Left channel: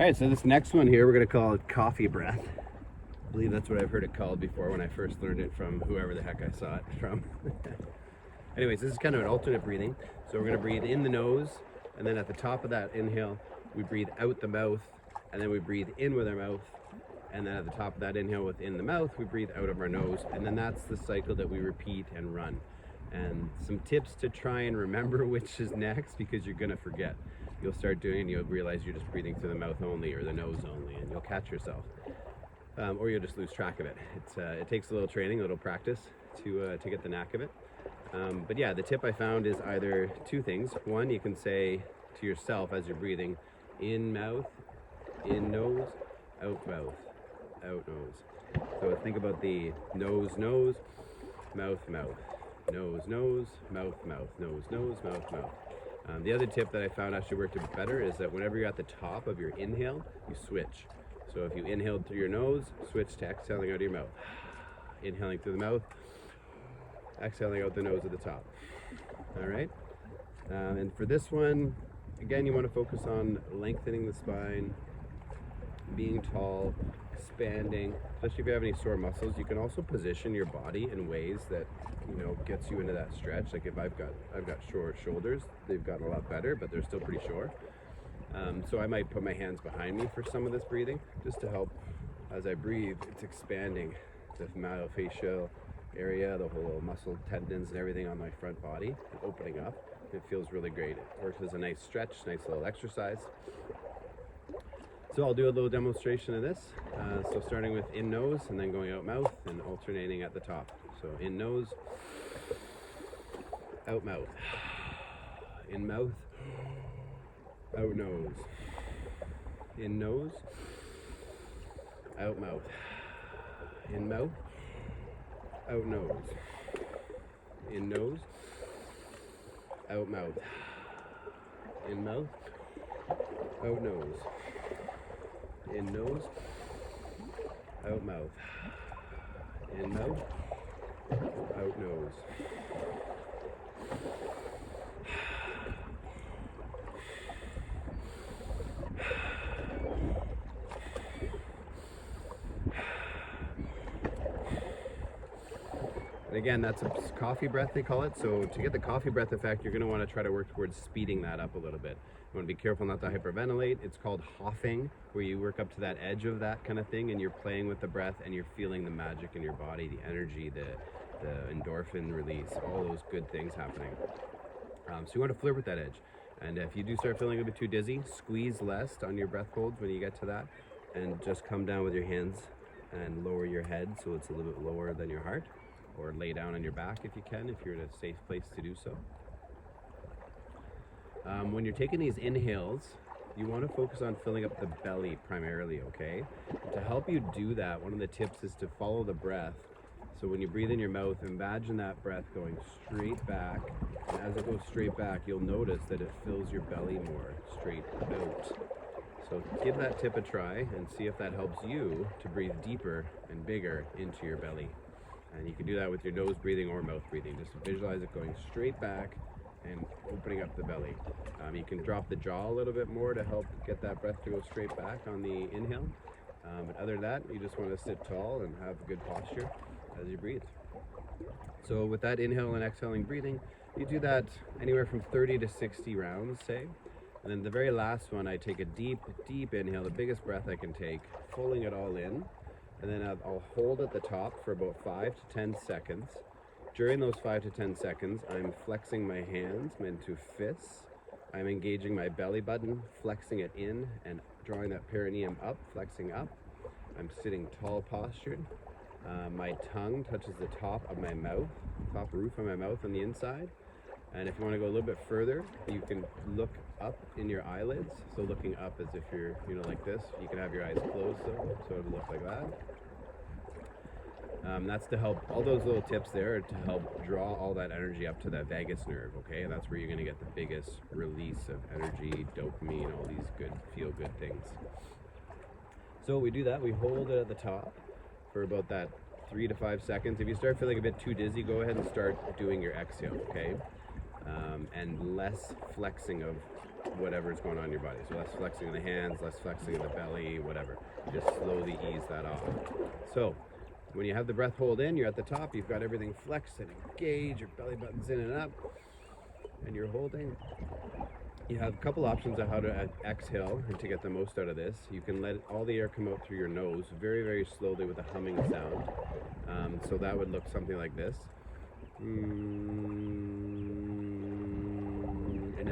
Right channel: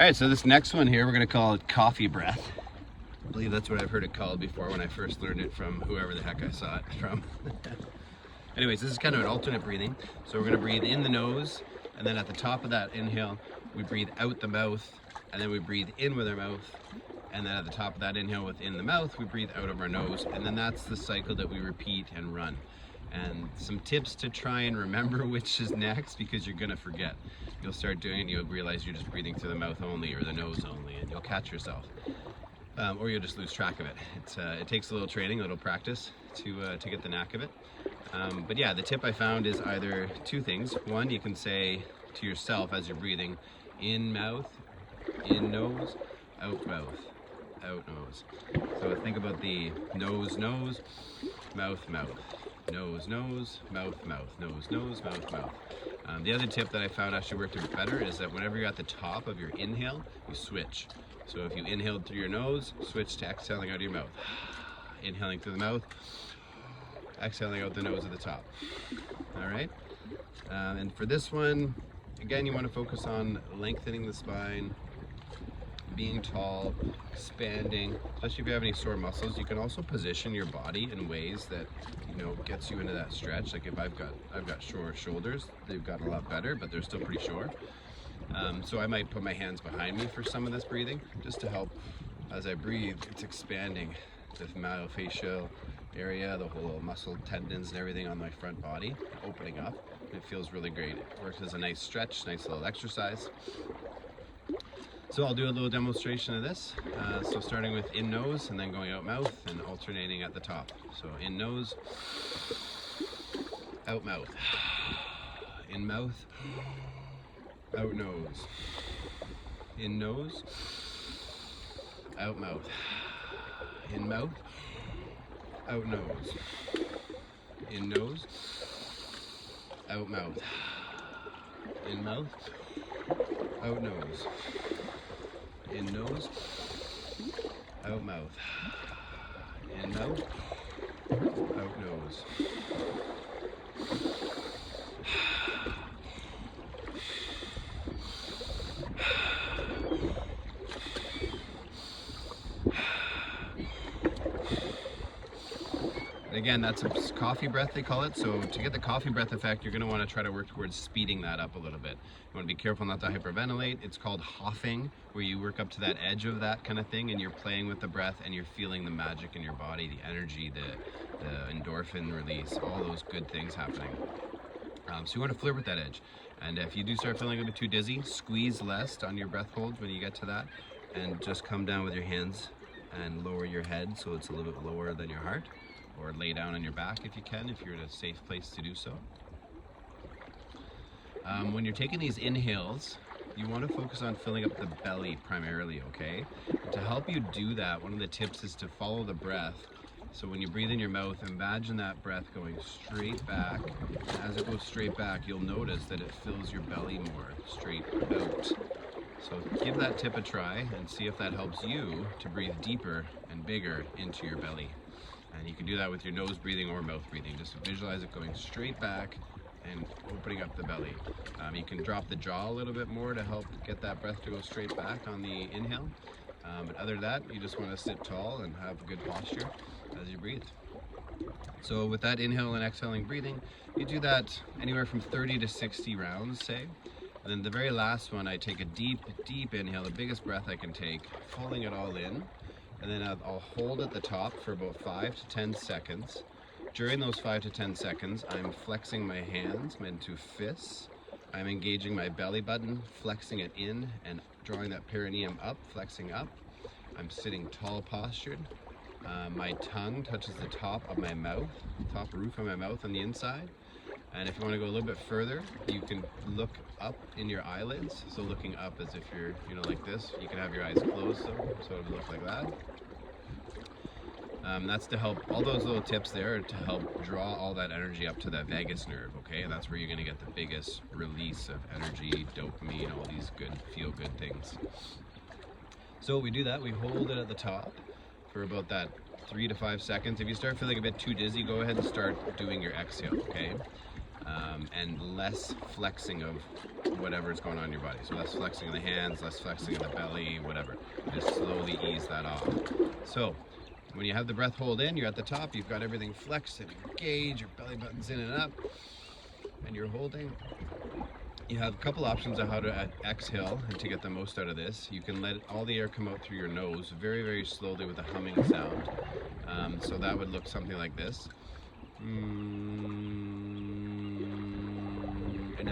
All right, so this next one here, we're gonna call it coffee breath. I believe that's what I've heard it called before when I first learned it from whoever the heck I saw it from. Anyways, this is kind of an alternate breathing. So we're gonna breathe in the nose, and then at the top of that inhale, we breathe out the mouth, and then we breathe in with our mouth, and then at the top of that inhale within the mouth, we breathe out of our nose, and then that's the cycle that we repeat and run. And some tips to try and remember which is next, because you're gonna forget. You'll start doing it and you'll realize you're just breathing through the mouth only or the nose only, and you'll catch yourself. Or you'll just lose track of it. It takes a little training, a little practice to get the knack of it. But yeah, the tip I found is either two things. One, you can say to yourself as you're breathing, in mouth, in nose, out mouth, out nose. So think about the nose, nose, mouth, mouth, nose, nose, mouth, mouth, nose, nose, mouth, mouth. The other tip that I found actually worked a bit better is that whenever you're at the top of your inhale, you switch. So if you inhaled through your nose, switch to exhaling out of your mouth. Inhaling through the mouth, exhaling out the nose at the top. All right. And for this one, again, you want to focus on lengthening the spine, being tall, expanding, especially if you have any sore muscles. You can also position your body in ways that, gets you into that stretch. Like if I've got short shoulders, they've got a lot better, but they're still pretty short. So I might put my hands behind me for some of this breathing, just to help as I breathe. It's expanding the myofascial area, the whole muscle tendons and everything on my front body, opening up. It feels really great. It works as a nice stretch, nice little exercise. So I'll do a little demonstration of this. So starting with in nose and then going out mouth and alternating at the top. So in nose, out mouth, in mouth, out nose, in nose, out mouth, in mouth, out nose, in nose, out mouth, in mouth, out nose, in nose, out mouth, in mouth, out nose. And again, that's a coffee breath, they call it. So to get the coffee breath effect, you're going to want to try to work towards speeding that up a little bit. You want to be careful not to hyperventilate. It's called huffing, where you work up to that edge of that kind of thing, and you're playing with the breath and you're feeling the magic in your body, the energy, the endorphin release, all those good things happening. So you want to flirt with that edge. And if you do start feeling a bit too dizzy, squeeze less on your breath holds when you get to that, and just come down with your hands and lower your head so it's a little bit lower than your heart, or lay down on your back if you can, if you're in a safe place to do so. When you're taking these inhales, you want to focus on filling up the belly primarily, okay? To help you do that, one of the tips is to follow the breath. So when you breathe in your mouth, imagine that breath going straight back. And as it goes straight back, you'll notice that it fills your belly more, straight out. So give that tip a try and see if that helps you to breathe deeper and bigger into your belly. And you can do that with your nose breathing or mouth breathing. Just visualize it going straight back and opening up the belly. You can drop the jaw a little bit more to help get that breath to go straight back on the inhale. But other than that, you just want to sit tall and have a good posture as you breathe. So with that inhale and exhaling breathing, you do that anywhere from 30 to 60 rounds, say. And then the very last one, I take a deep, deep inhale, the biggest breath I can take, pulling it all in. And then I'll hold at the top for about 5 to 10 seconds. During those 5 to 10 seconds, I'm flexing my hands into fists. I'm engaging my belly button, flexing it in and drawing that perineum up, flexing up. I'm sitting tall postured. My tongue touches the top of my mouth, top roof of my mouth on the inside. And if you want to go a little bit further, you can look up in your eyelids. So looking up as if you're, like this. You can have your eyes closed, so it would look like that. That's to help, all those little tips there are to help draw all that energy up to that vagus nerve, okay? That's where you're going to get the biggest release of energy, dopamine, all these good, feel-good things. So we do that, we hold it at the top for about that 3 to 5 seconds. If you start feeling a bit too dizzy, go ahead and start doing your exhale, okay? And less flexing of whatever's going on in your body. So less flexing in the hands, less flexing in the belly, whatever. You just slowly ease that off. So when you have the breath hold in, you're at the top, you've got everything flexed, and you engage, your belly button's in and up, and you're holding. You have a couple options of how to exhale and to get the most out of this. You can let all the air come out through your nose very, very slowly with a humming sound. So that would look something like this. And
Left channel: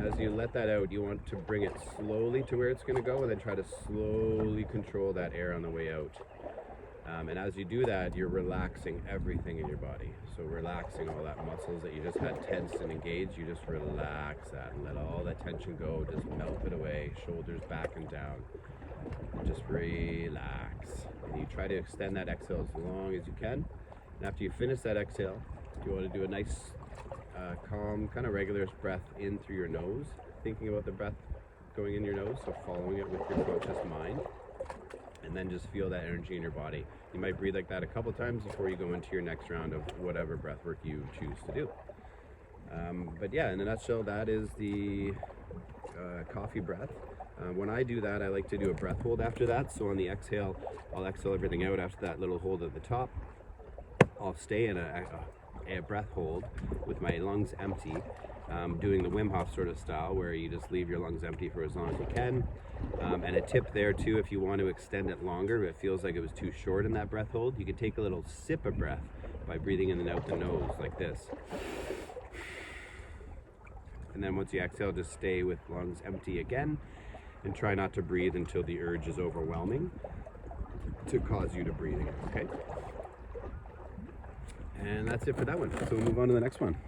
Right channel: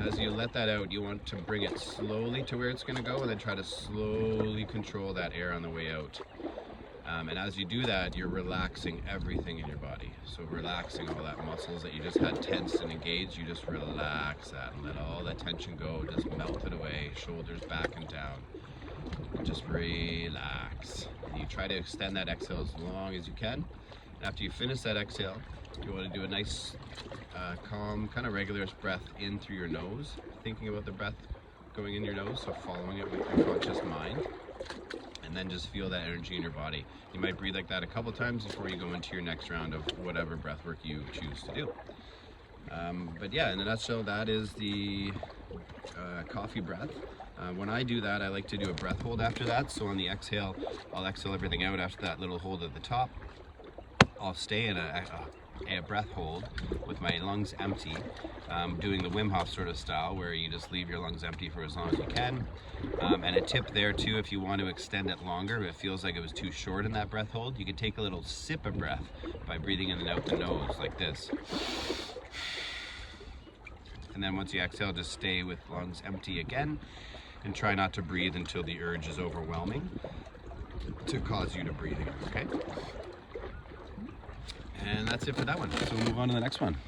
as you let that out, you want to bring it slowly to where it's going to go, and then try to slowly control that air on the way out. And as you do that, you're relaxing everything in your body. So relaxing all that muscles that you just had tensed and engaged, you just relax that and let all that tension go, just melt it away, shoulders back and down. And just relax. And you try to extend that exhale as long as you can. And after you finish that exhale, you want to do a nice, calm, kind of regular breath in through your nose, thinking about the breath going in your nose, so following it with your conscious mind. And then just feel that energy in your body. You might breathe like that a couple times before you go into your next round of whatever breath work you choose to do. But yeah, in a nutshell, that is the coffee breath. When I do that, I like to do a breath hold after that. So on the exhale, I'll exhale everything out after that little hold at the top. I'll stay in a breath hold with my lungs empty, doing the Wim Hof sort of style where you just leave your lungs empty for as long as you can. And a tip there too, if you want to extend it longer, if it feels like it was too short in that breath hold, you can take a little sip of breath by breathing in and out the nose like this. And then once you exhale, just stay with lungs empty again, and try not to breathe until the urge is overwhelming to cause you to breathe, okay? And that's it for that one. So we'll move on to the next one.